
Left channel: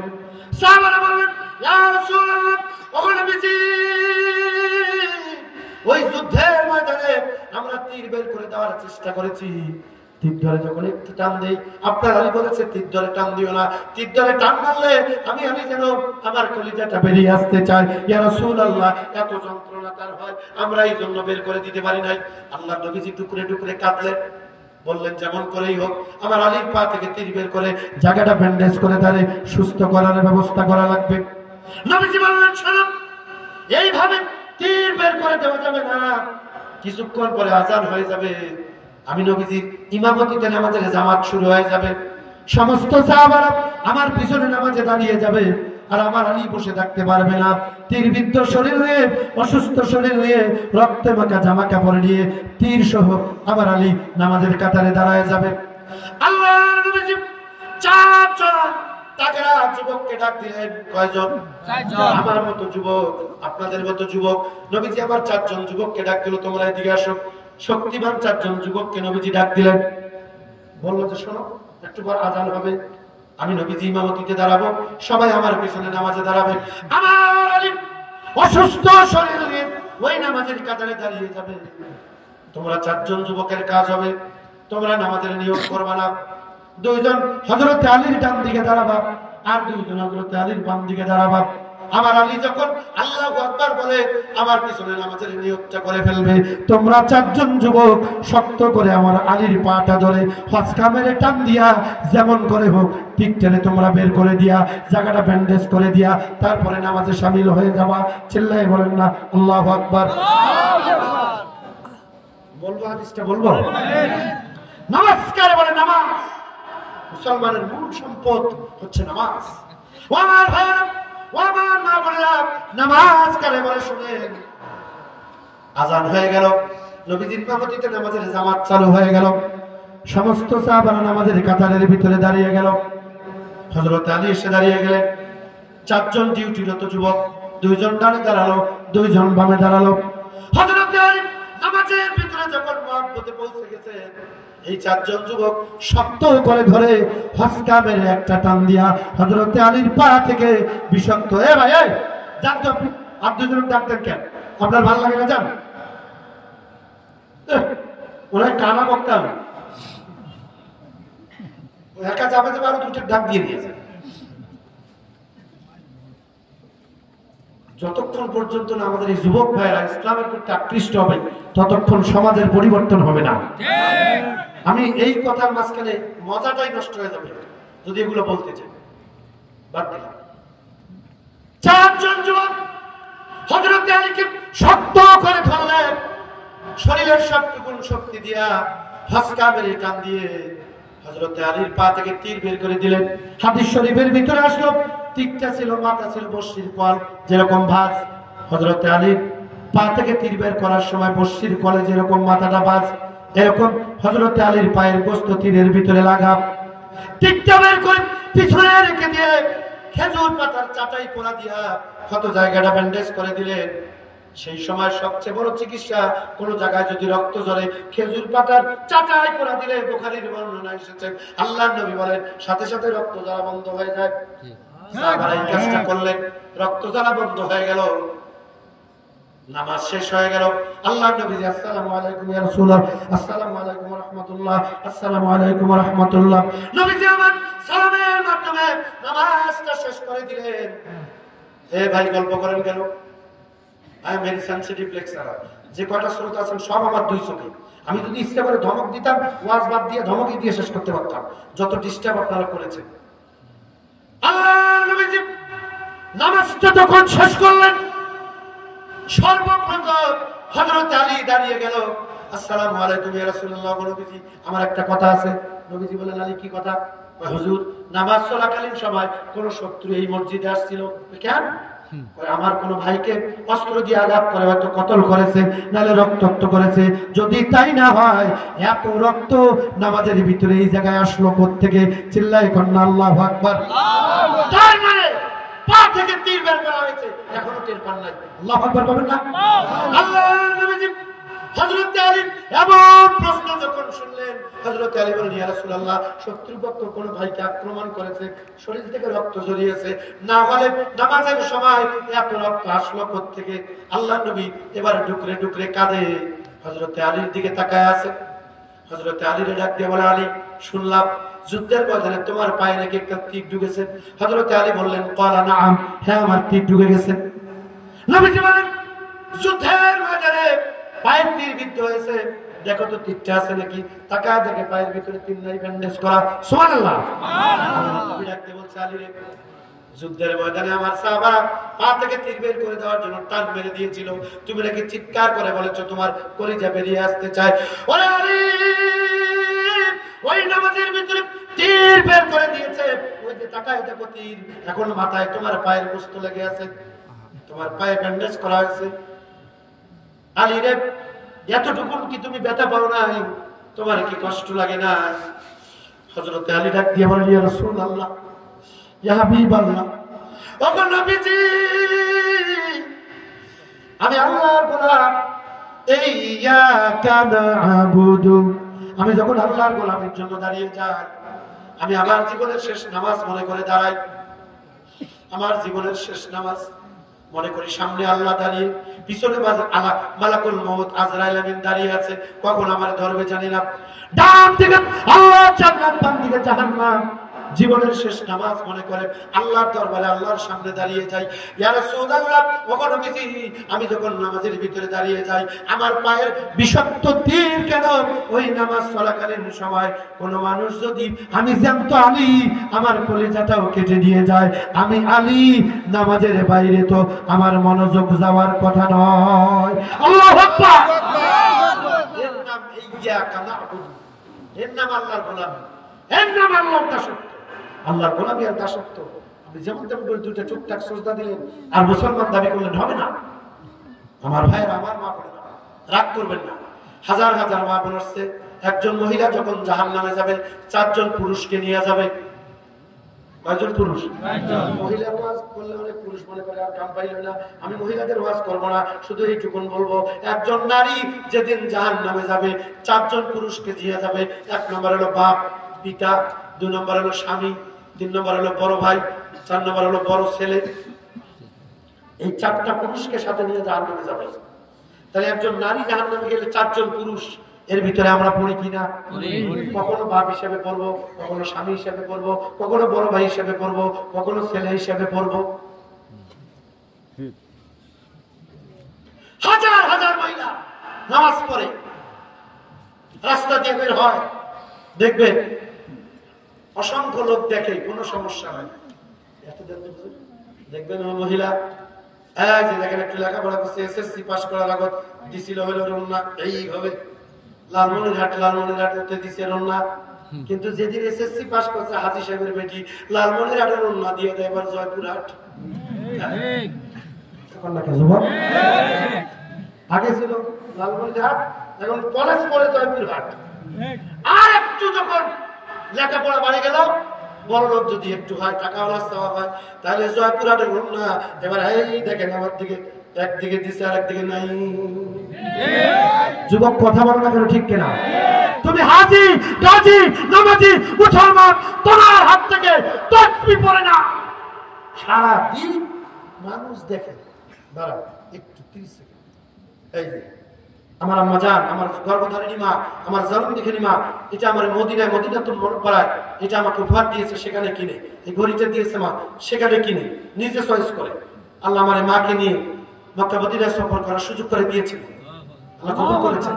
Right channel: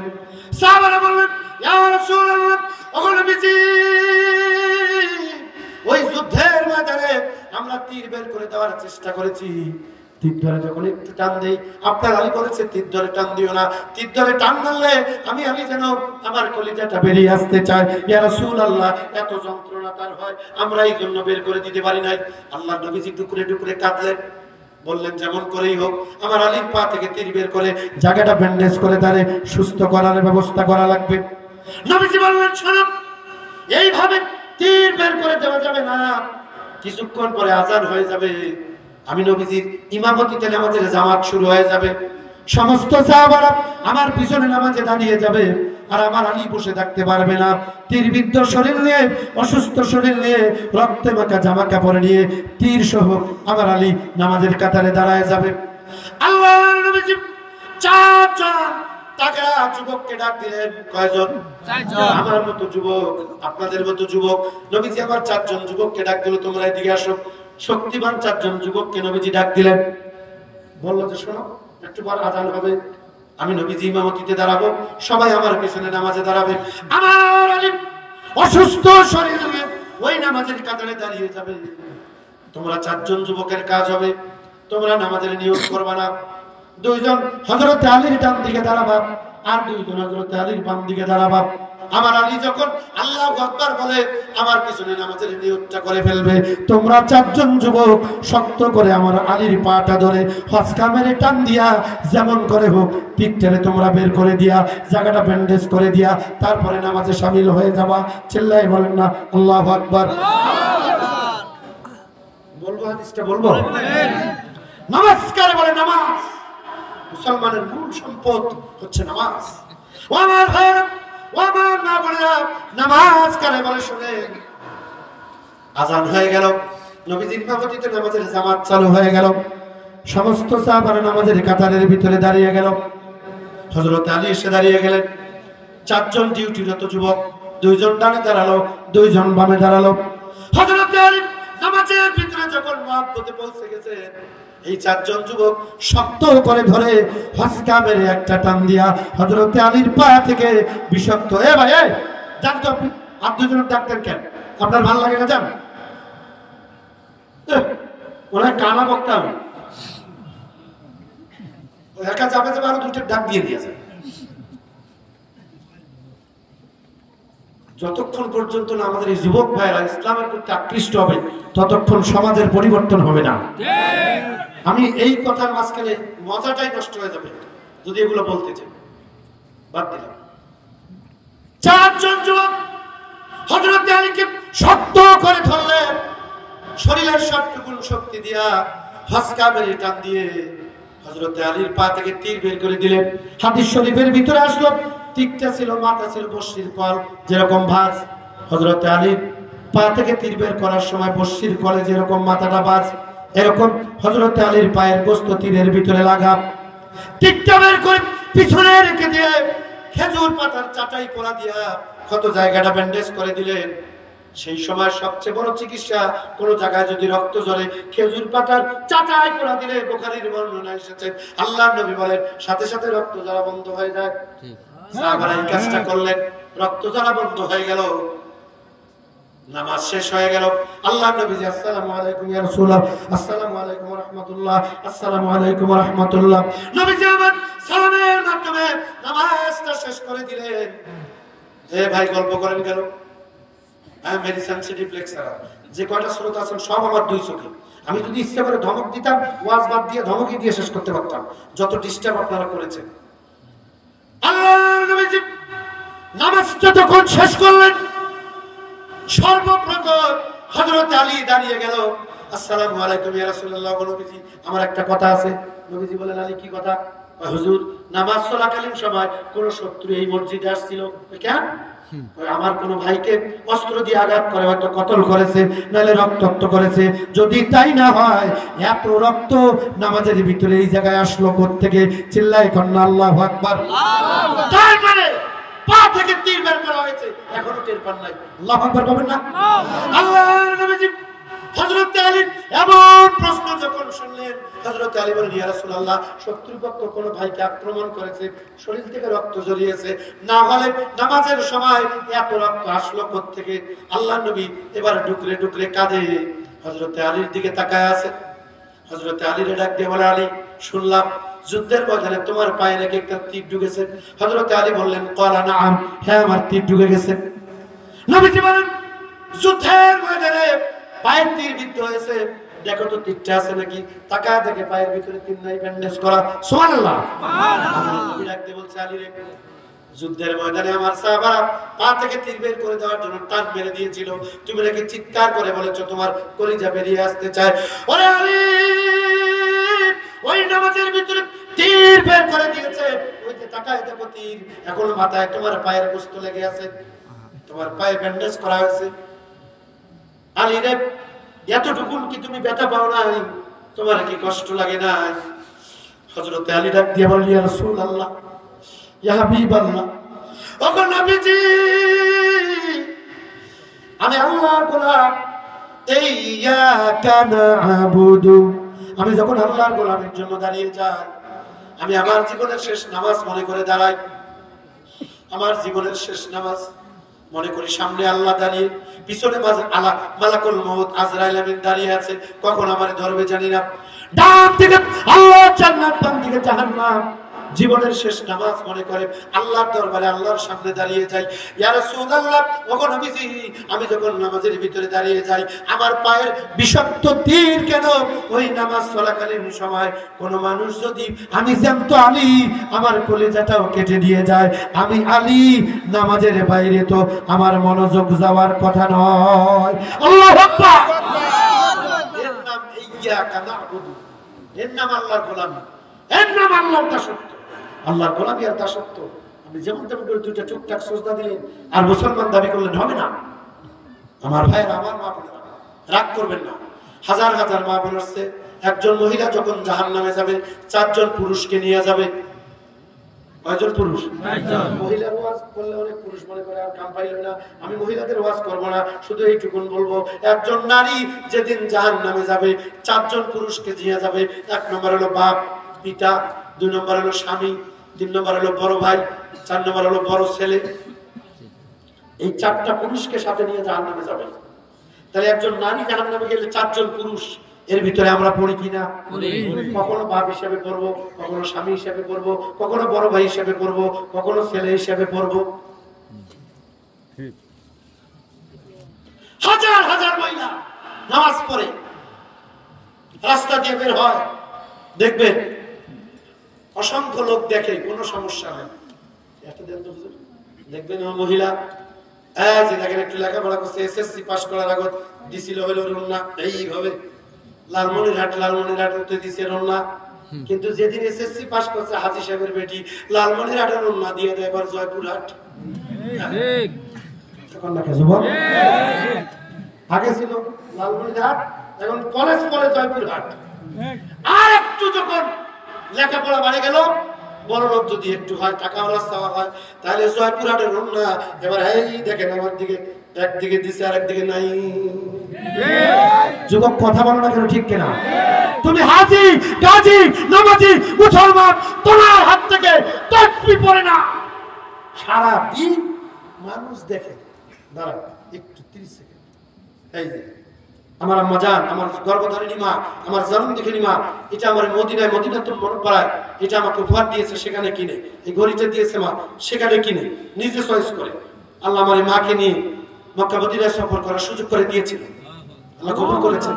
সাহাবারা বললেন, ইয়া রাসূলুল্লাহ, ওগো নবীজি, ওই যুদ্ধের ময়দানে আমরা তীর বের করে দেওয়ার চেষ্টা করেছি, তীর ধরে যখন একটু টান দেই, আপনার আলী বলেছে তীর ধরে টান দিও না। তীর ধরে টান মারলে আমি যেন আমার কলিজাটা বেরিয়ে আসতে চাই। ইয়া রাসূলুল্লাহ, এত যন্ত্রণা তার হয়, আমরা এই জন্য বের করে দিতে পারি নাই। আল্লাহ নবীজি টুকরে টুকরে কাঁদলেন, বললেন, যেমন করেই হোক আমার আলীর পা থেকে তীর বের করে জায়গাটা ব্যান্ডেজ করে তারে সুস্থ করার ব্যবস্থা করা লাগবে। নবীজি বললেন, শোনো, এইভাবে তীর বের করে দেওয়া যাবে না। কিছুক্ষণ পরে আজান হয়ে যাবে, আমি নবীজির ইমামতিতে নামাজের জামাত শুরু হয়ে যাবে। সমস্ত সাহাবারা আমার পিছনে নামাজে দাঁড়িয়ে যাবে, আর আমার আলী বসে থাকতে পারবে না। তীরবিদ্ধ শরীর নিয়ে, অসুস্থ শরীর নিয়ে, রক্তে মাখা জামা কাপড় নিয়ে, তীর সহ আমার আলী নামাজের কাতারে দাঁড়ায় যাবে। আল্লাহর নবীজি চারজন তাগড়া যুবককে ডাক দিলেন। কয়জন? চারজন। আমার মতো যুবক, আপনাদের মতো যুবক। নবীজি আমার চারজন যুবককে ডাক দিল, তোমরা এদিকে আসো। শক্তিমান চারজন যুবককে নবীজি ডাক দিলেন। বললো যে, শোনো, একটু পর আজান হবে, আমি নবীজি ইমামতিতে দাঁড়াবো, সবাই আমার পিছনে নামাজে দাঁড়াবে। আমার আলী অসুস্থ শরীর নিয়ে ওই নামাজের কাতারে দাঁড়িয়ে যাবে। তোমরা চারজন যুবকের কাজ হবে, তোমরা নামাজের নিয়োগ করবা না। দুইজন হযরত আলীর ডান দিকে দাঁড়াবা, আর দুইজন হযরত আলীর বাম দিকে দাঁড়াবা। আমার আলী যখন আল্লাহু আকবার বলে, আমার পিছনে নামাজের নিয়তটা করে ফেলবে। তোমরা চারজন যুবক শক্ত করে আমার আলীর পাটা ধরে হসকা মেরে টান দিয়া, যেমন করে হোক পিকটারে তোমরা বের করে দিয়া, জায়গাটা ব্যান্ডেজ করে দিয়া, তারপরে নামাজে শামিল হয়ে যাওয়া। চিল্লায় বলেন না আল্লাহু আকবার। বলবো হাদিসটা বলবো? নামাজ কারে বলে? নামাজ মুসলমানের মূল সম্পদ হচ্ছে নামাজ। ও আমার ভাইরা, ও আমার মা বোনেরা, নামাজ কারে বলে শুনেন। আজান হয়ে গেল, নবীজির ইমামতিতে নামাজের জামাত চালু হয়ে গেল। সমস্ত সাহাবারা নামাজের কাতারের ভিতরে দাঁড়িয়ে গেল। হযরত আলী এসে দাঁড়িয়ে গেলেন। চারজন ডিউটিরত যুবক, দুইজন ডানে দাঁড়ালো, দুইজন বামে দাঁড়ালো। হযরত আলী নামাজের ভিতরে যখন মুহাব্বতে পৌঁছে গেছে, এই চারজন যুবক শক্ত করে ধরে হসকা মেরে একটা টান দিয়া হযরত আলীর পা থেকে বিষাক্ত, এ ভাই, এই যান তো আপনি, আপনি দুজন ডাক্তার কেন? আপনার ভালো লাগে না? যান। ওরা কানা বক্তা, একা যাবে যাবে আরো দুটো ডাক দিয়ে নিয়ে যায়। যতক্ষণ পর্যন্ত না আমাদের এই যুবক ভাইয়েরা ইসলামের প্রতি আকৃষ্ট হবে ততক্ষণ সমাজের পরিবর্তন হবে না। আমি এই কথার মাঝখানে মজাটাই নষ্ট হয়ে যাবে যদি এগুলো বলতে চাই, বাদ দিলাম। চারজন যুবক হযরত আলীকে শক্ত করে ধরলেন, শরীরের সবটুকুন শক্তি দিয়া হাসকা মেরে টান দিয়ে হযরত আলীর পা থেকে তীর বের করে দিলেন। হাদিস শরীফের ভিতরে আসলো তীরটা ছিল, মাথা ছিল বর্শির কল, যেরকম ভাঁজ হযরত আলীর পা থেকে তীর বের করার সময় বর্শির কলে যেরকম মাথাটা ভাঁজ, এরকম হযরত আলীর পায়ের গোস্ত তীরের ভিতরে লাগা। তীরটা বের করে পিছনে রেখে দিয়ে খেজুর পাতার চাটাই পোড়া দিয়া কত জায়গাটা ব্যান্ডেজ করে দিলেন। সেই সময় সবচেয়ে বড় চিকিৎসা, কোন জায়গায় যদি রক্ত ঝরে খেজুর পাতার চাটাই পোড়া দিলে, বুখারীর বর্ণনা এসেছে আল্লাহর নবী বলেন সাথে সাথে রক্ত ঝরা বন্ধ হয়ে যায়। সাহাবারা এই কাজটা করলেন, রক্ত ঝরা বন্ধ হয়ে গেল, নামাজ শেষ হয়ে গেল। আল্লাহর নবী আসসালামু আলাইকুম ইয়া রাসূলুল্লাহ, আসসালামু আলাইকুম ওয়া রাহমাতুল্লাহ, আসসালামু আলাইকুম ওয়া রাহমাতুল্লাহ। নবীজি আমার সালামের মাধ্যমে নামাজটা শেষ করে দিলেন। এ ভাই গল্প করেন কেন? I am very sensitive lecturer. যে কয়টা শ্রোত আছেন সব আমার দুই চোখে। আমি যদি ইচ্ছা করে ধমক দিতাম, ওয়াজ বাদ দিয়ে ধমকই দিয়ে শেষ করতে পারতাম, যত ডিস্টার্ব আপনারা করেছেন। আল্লাহর নবীজি নামাজটা যখন শেষ করলেন, সর্বপ্রথম হযরত আলী দাঁড়িয়ে গেল। আসসালামু আলাইকুম ইয়া রাসূলুল্লাহ, নবীজি আমার একটা কথা আছে। নবীজি বলেন আলী কি কথা? হুজুর নামাজ চলাকালীন সময় কোন শত্রু এই মসজিদে আসছিল। কেন? আমার কোন ভাইকে অস্ত্র দিয়ে আঘাত করে হয়তো কতল করেছে, নাহলে রক্তাক্ত করেছে। যদি তাই না হয়, এত রক্ত নামাজের ভিতরে এই জায়গায় আসলো কোত্থেকে? চিল্লায় কন্যা আল্লাহু আকবার। তার মানে পা থেকে তীর বের করা হয়েছে, এখনো টের পান নাই। আল্লাহু আকবার বলেন না? আল্লাহর নবীজি হযরত আলী এমন প্রশ্ন যখন শুনলেন, হযরত আলী বলেন ইয়া রাসূলুল্লাহ, শত্রুপক্ষ কোন ভাইকে আক্রমণ করেছে, শরীর থেকে রক্ত ঝরিয়েছে, না হলে নামাজের সময় এত রক্ত আসলো কোত্থেকে? আল্লাহর নবী এবার ডুকরে ডুকরে কাঁদে, হযরত আলীর দিকে তাকায় আছে। হযরত আলীর ডাক দিয়ে বলে আলী, শুনলাম যুদ্ধের ময়দানে তোমার পায়ে নাকি একটা তীর ঢুকেছে। হযরত আলী বললেন ক্বালা নাআম, হ্যাঁ আমার তীর ঢুকে গেছে। নবীজি বলেন যুদ্ধের ময়দানে পায়ের তীর বিদ্ধ হয়েছে, দেখো তো তীরটা আছে নাকি? তাকায় দেখে পায়ের ভিতরে তীর নাই, ব্যান্ডেজ করা। সুবহানাল্লাহ। নবী ডাকতে বলছে আলী রে, যুদ্ধের ময়দানে আমার সাহাবারা পা থেকে তীর বের করে দেওয়ার জন্য টান মেরে দিয়েছিল, তুমি নাকি চিৎকার করে বলেছো তোমার কলিজা বেরিয়ে আসতে চায়। ওরে আলী, ওই নামাজের ভিতরে তীর বের করে দিয়েছে, ওই যে তাকায় দেখো তীর, এখন মাথায় তোমার পায়ের গোস্ত লেগে আছে, তোমার পায়ে ব্যান্ডেজ করা হয়েছে। আলী রে, এতটুকু কি তুমি ব্যথা পাও নাই? তোমার কি কষ্ট লাগে না? হযরত আলী ডাক দিয়ে বললেন ইয়া রাসূলুল্লাহ, ইয়া হাবিবাল্লাহ, ওগো নবীজি, আমি আল্লাহর গোলাম, ইয়্যাকা না'বুদু, আমি যখন আল্লাহর গোলামের জন্য দাঁড়িয়ে যাই, আমি আমার জীবনের শেষ নামাজ মনে করে দাঁড়াই। আমার জীবনের শেষ নামাজ মনে করি সামনে আল্লাহ দাঁড়িয়ে, পিছনে মালাকুল মউত আজরাইল আমিন দাঁড়িয়ে আছে, কখন আমারে ধরবে জানি না। ডান দিকে আল্লাহ জান্নাত, বাম দিকে জাহান্নাম। জীবনের শেষ নামাজ মনে করে আল্লাহর দরবারে আল্লাহর সামনে দাঁড়িয়ে যাই। ইয়া রাসূলুল্লাহ, ওগো নবীজি, আমি যখন নামাজের ভিতরে দাঁড়িয়ে যাই, আমার পায়ের বিষাক্ত তীর কেন? ওই নামাজ চলাকালীন সময় কোন মানুষ যদি আমি জানতো আলী, আমার কলিজাটাও কেটে দিয়ে যায়। আমি আলী, নামাজের বাইরে তো আমার মনোযোগ যাওয়ার কথা নয়। আল্লাহু আকবার। এর নাম ইয়্যাকা না'বুদু, এর নাম আল্লাহর গোলামি, এর নাম আল্লাহর দাসত্ব। আল্লাহর গোলামি আর দাসত্ব। আপনি যেমন তেমন করে দুইটা টুকটাক সিজদা দিলেন আর মুসলমান দাবি করলেন হবে না। আমার ভাইয়ের, আমার মা বোনেরা, রাগ করবেন না। হাজার হাজার মা বোন আসছে, একজন মহিলা যখন জাহান্নামে যাবে, 4 জন পুরুষকে নিয়ে যাবে। কয়জন পুরুষ? 4 জন। মহিলার ওয়াজ করলে অনেক পুরুষ মনে করে আর কাম পাইল না, আমি মহিলাদের ওয়াজ করব না, শুধু এইটুকুন বলবো, একজন নারী যেদিন জাহান্নামে যাবে, 4 জন পুরুষকে নিয়ে যাবে। 1 নম্বর হলো বাপ পিতা, 2 নম্বর হলো স্বামী, 3 নম্বর হলো বড় ভাই, 4 নম্বর হলো বড় ছেলে। এই 4টা পুরুষকে সাথে নিয়ে জাহান্নামে যাবে। তাহলে একজন নারী জাহান্নামে গেলে 4 জন পুরুষ এর ভিতরে আমরা পড়ি কিনা? কখনো বাপ হিসেবে পড়বো, কখনো স্বামী হিসেবে পড়বো, কখনো বড় ভাই হিসেবে পড়বো, কখনো ছেলে হিসেবে পড়বো। হাজার হাজার মহিলা নামাজ পড়ে রাস্তা দিয়ে বের হয়, দেখবেন অসংখ্য লোক দেখে, কোনো সমস্যা হয়। দেখবেন ও মহিলা যে দেখেন একটু লেখাপড়া করছে, এসএসসি পাস করার আগত দিছিল হলো রন্না এইভাবে লালমনিরহাটে দিছে রন্না, কিন্তু যেদিন এসএসসি পাস করছে হাজি সাহেবের বেটি লালমনিরহাটে রন্না দিয়ে দেয় এবার জয়পুরহাট। আগে ছিল লালমনিরহাট, এখন কলেজ পড়ে জয়পুরহাট। আর একটু যখন লেখাপড়া বাড়ে গেল, বড় লোক যদি একটু হয়, টাকাওয়ালা চাওয়া হয়, তাহলে জয়পুরহাটের রন্না এবার এই দেখেন আমার দিকে, একদিকে দিছে আর একদিকে নাই। যুবক কথা বলো না কেন, ঠিক কিনা? তুমি হাজি গাজী নামাজি মুসলমান, তোমার হাত থেকে তাসবিহ পড়ে না, সারা দিন মানুষ দেখে। দাঁড়াও একটু 30 সেকেন্ড। এই যে আমার আম্মা জান, আমার গর্ভধারিণী মা, আমার জন্ম দেখেনি মা, এটা আমার মদিনায় মদিনাতুল মুনাওয়ারায় এটা আমাকে উপহার দিয়েছে, সেখানে কিনে। এই ঘড়িটা দিয়েছে মা, সেখানে কিনে নিজে চয়েস করে আল্লাহ আমার মাকে নিয়ে মক্কা মদিনায় সফর করার সুযোগ করে দিয়েছিল, আল্লাহ কবুল করেছেন।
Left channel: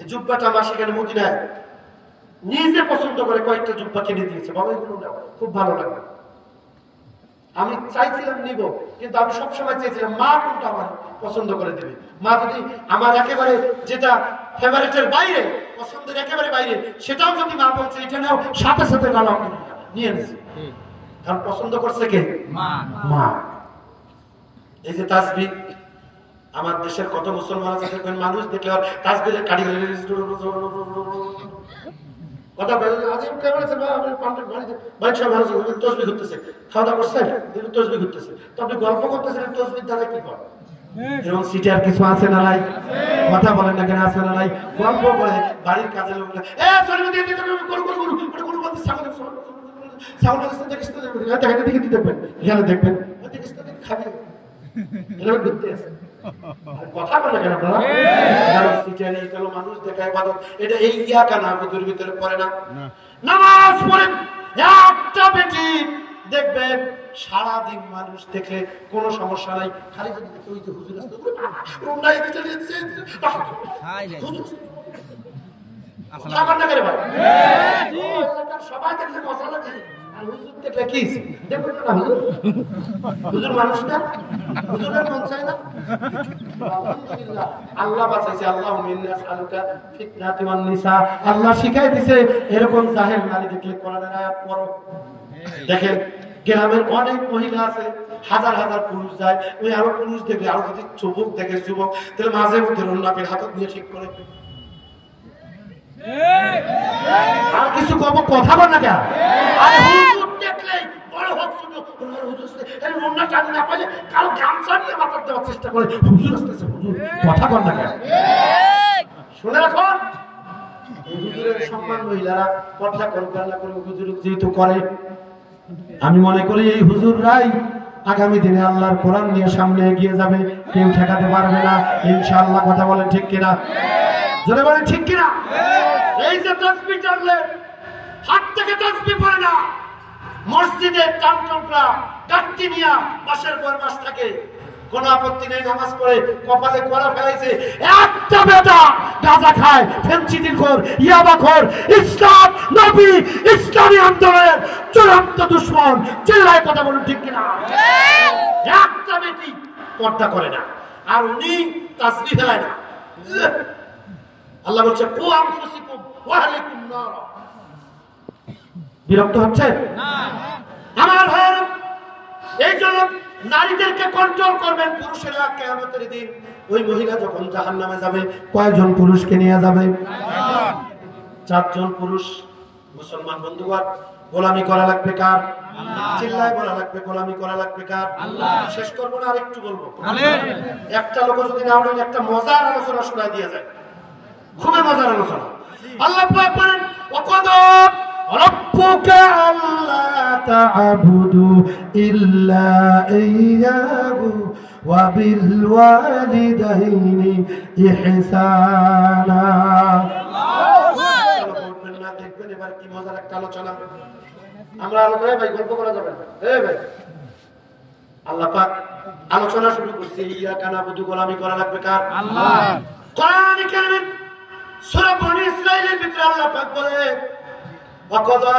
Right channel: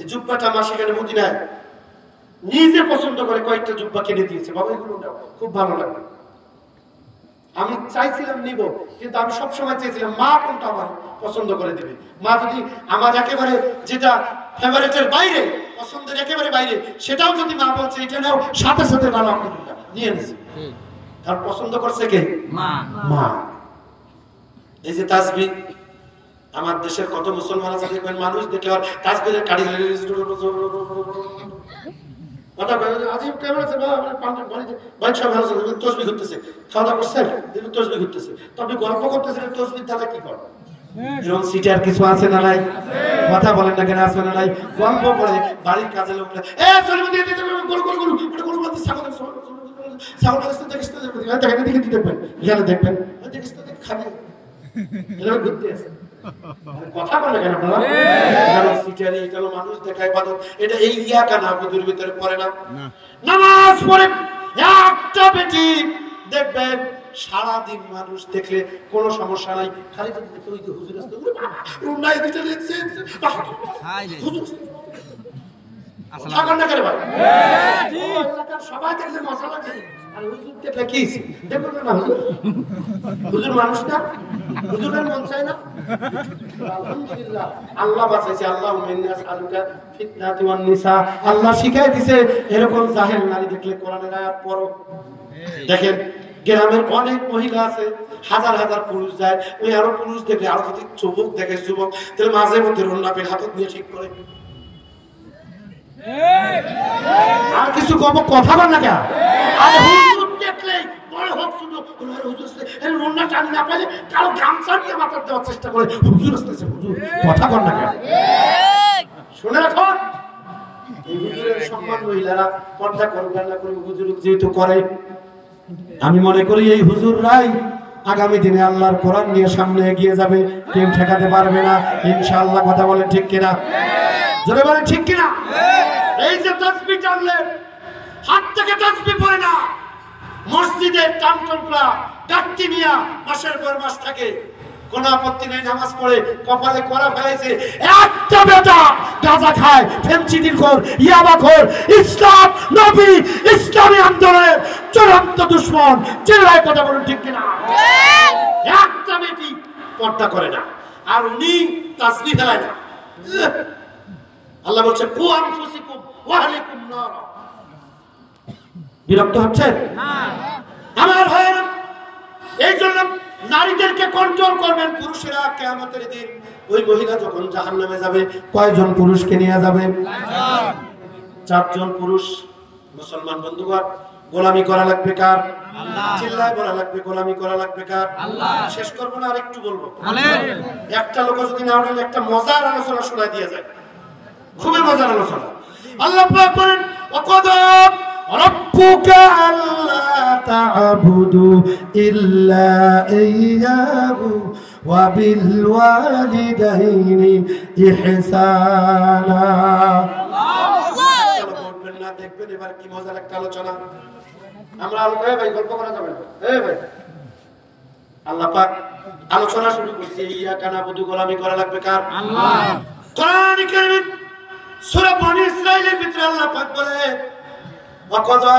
এই জুব্বাটা মা সেখানে মদিনায় নিজে পছন্দ করে কয়েকটা জুব্বা কিনে দিয়েছে, বাবা এগুলো নাও, খুব ভালো লাগবে। আমি চাইছিলাম নিব, কিন্তু আমি সবসময় চেয়েছিলাম মা কোনটা আমার পছন্দ করে দিবে। মা যদি আমার একেবারে যেটা ফেভারিটের বাইরে, পছন্দের একেবারে বাইরে, সেটাও যদি মা বলছে এটা নাও, সাথে সাথে নিয়ে নিছি, কারণ পছন্দ করছে কে? মা। এই যে তাসবিহ, আমার দেশের কত মুসলমান আছে দেখবেন, মানুষ দেখলে আর তাসবিহের কাড়ি কথা আজিব কেমন আছে, তসবিহ করতেছে, খাওয়া দাওয়া করছেন, তসবিহ করতেছে, তো আপনি গল্প করতেছেন তসবিহ দ্বারা কি করেন? এরকম সিটে আর কিছু আছে না নাই? কথা বলেন না কেন, আছে না নাই? গল্প করে বাড়ির কাজে লোক দেখবেন খাবে, কথা বলে কেন মানুষ দেখায় বাদত, এটা এই ইয়াকা না ভিতরে পড়ে না। নামাজ পড়ে একটা বেটি দেখবেন সারাদিন মানুষ দেখে কোনো সমস্যা নাই, খালি যদি দেখে ওই যে হুজুর আসতে সবাই দেখলে মজা লাগে, আর হুজুর দেখলে কি দেখবেন না, হুজুর হুজুর মানুষ না, হুজুরের মন চায় না। আলহামদুলিল্লাহ আল্লাহ বাঁচাইছে, আল্লাহ মিন্নাস আলুকা ফিতনাতি ওয়ান নিসা, আল্লাহ শিখাই দিয়েছে এরকম জাহেল নারী দেখলে কোরআনের আয়াত পড়ো। দেখেন গ্রামের অনেক মহিলা আছে, হাজার হাজার পুরুষ যায়, ওই আরো পুরুষ দেখলে, আরো যদি যুবক দেখে যুবক, তাহলে মাঝে মধ্যে রন্নাপের হাতত নিয়ে ঠিক করে। আর কিছু কব, কথা বল না কেন? দেখলে বড় হোক শুধু রন্না চাল না পাইলে কারো গামছা নিয়ে মাথার দেওয়ার চেষ্টা করে, হুজুর আসতেছে, হুজুর কথা বল না কেন? শুনে রাখুন, এই হুজুরের সম্মান মহিলারা পর্দা করবে না করে হুজুর যেহেতু করে, আমি মনে করি এই হুজুররাই আগামী দিনে আল্লাহর কোরআন নিয়ে সামনে এগিয়ে যাবে, কেউ ঠেকাতে পারবে না ইনশাআল্লাহ। কথা বলেন ঠিক কিনা? জোরে বলেন ঠিক কিনা? এই যে তাসবিহ টানলে হাত থেকে তাসবিহ পড়ে না, মসজিদের টানটুকরা গাঁটটি নিয়া মাসের পর মাস থাকে, কোন আপত্তি নেই, নামাজ পড়ে কপালে করা ফেলাইছে, একটা বেটা গাঁজা খায়, ফেন্সিডিলখোর, ইয়াবাখোর, ইসলাম নবী ইসলামী আন্দোলনের চূড়ান্ত দুশমন, চিল্লায় কথা বলুন ঠিক কিনা? একটা বেটি পর্দা করে না, আর উনি তাসবিহ ফেলায় না। আল্লাহ বলছে কু আনফুসিকুম ওয়া আলাইকুম নার। বিরক্ত হচ্ছে না আমার ভাই? এই জন্য নারীদেরকে কন্ট্রোল করবেন পুরুষেরা। কিয়ামতের দিন ওই মহিলা যখন জাহান্নামে যাবে, কয়জন পুরুষকে নিয়ে যাবে? 4 জন পুরুষ। মুসলমান বন্ধুগণ, গোলামি করা লাগবে কার? আল্লাহ। চিল্লায় বলা লাগবে গোলামি করা লাগবে কার? আল্লাহ। শেষ করব না, আর একটু বলবো। একটা লোক যদি না বলেন, একটা মজার আলোচনা শোনা দিয়ে যায়, খুবই মজার আলোচনা। আল্লাহ পাক বলেন ওয়াকাদা রাব্বুকা আল্লা তা'বুদু ইল্লা ইয়্যাহু ওয়া বিল ওয়ালিদাইনি ইহসানা। কি মজার একটা আলোচনা। আমরা আলোচনা ভাই গল্প করা যাবে না। ভাই আল্লাহ পাক আলোচনা শুরু করছে, ইয়াকা নাবুদু গোলামি করা লাগবে কার? আল্লাহ। কোরআন কারীমের সূরা বনী ইসরাঈলের ভিতরে আল্লাহ পাক বলে ওয়াকাযা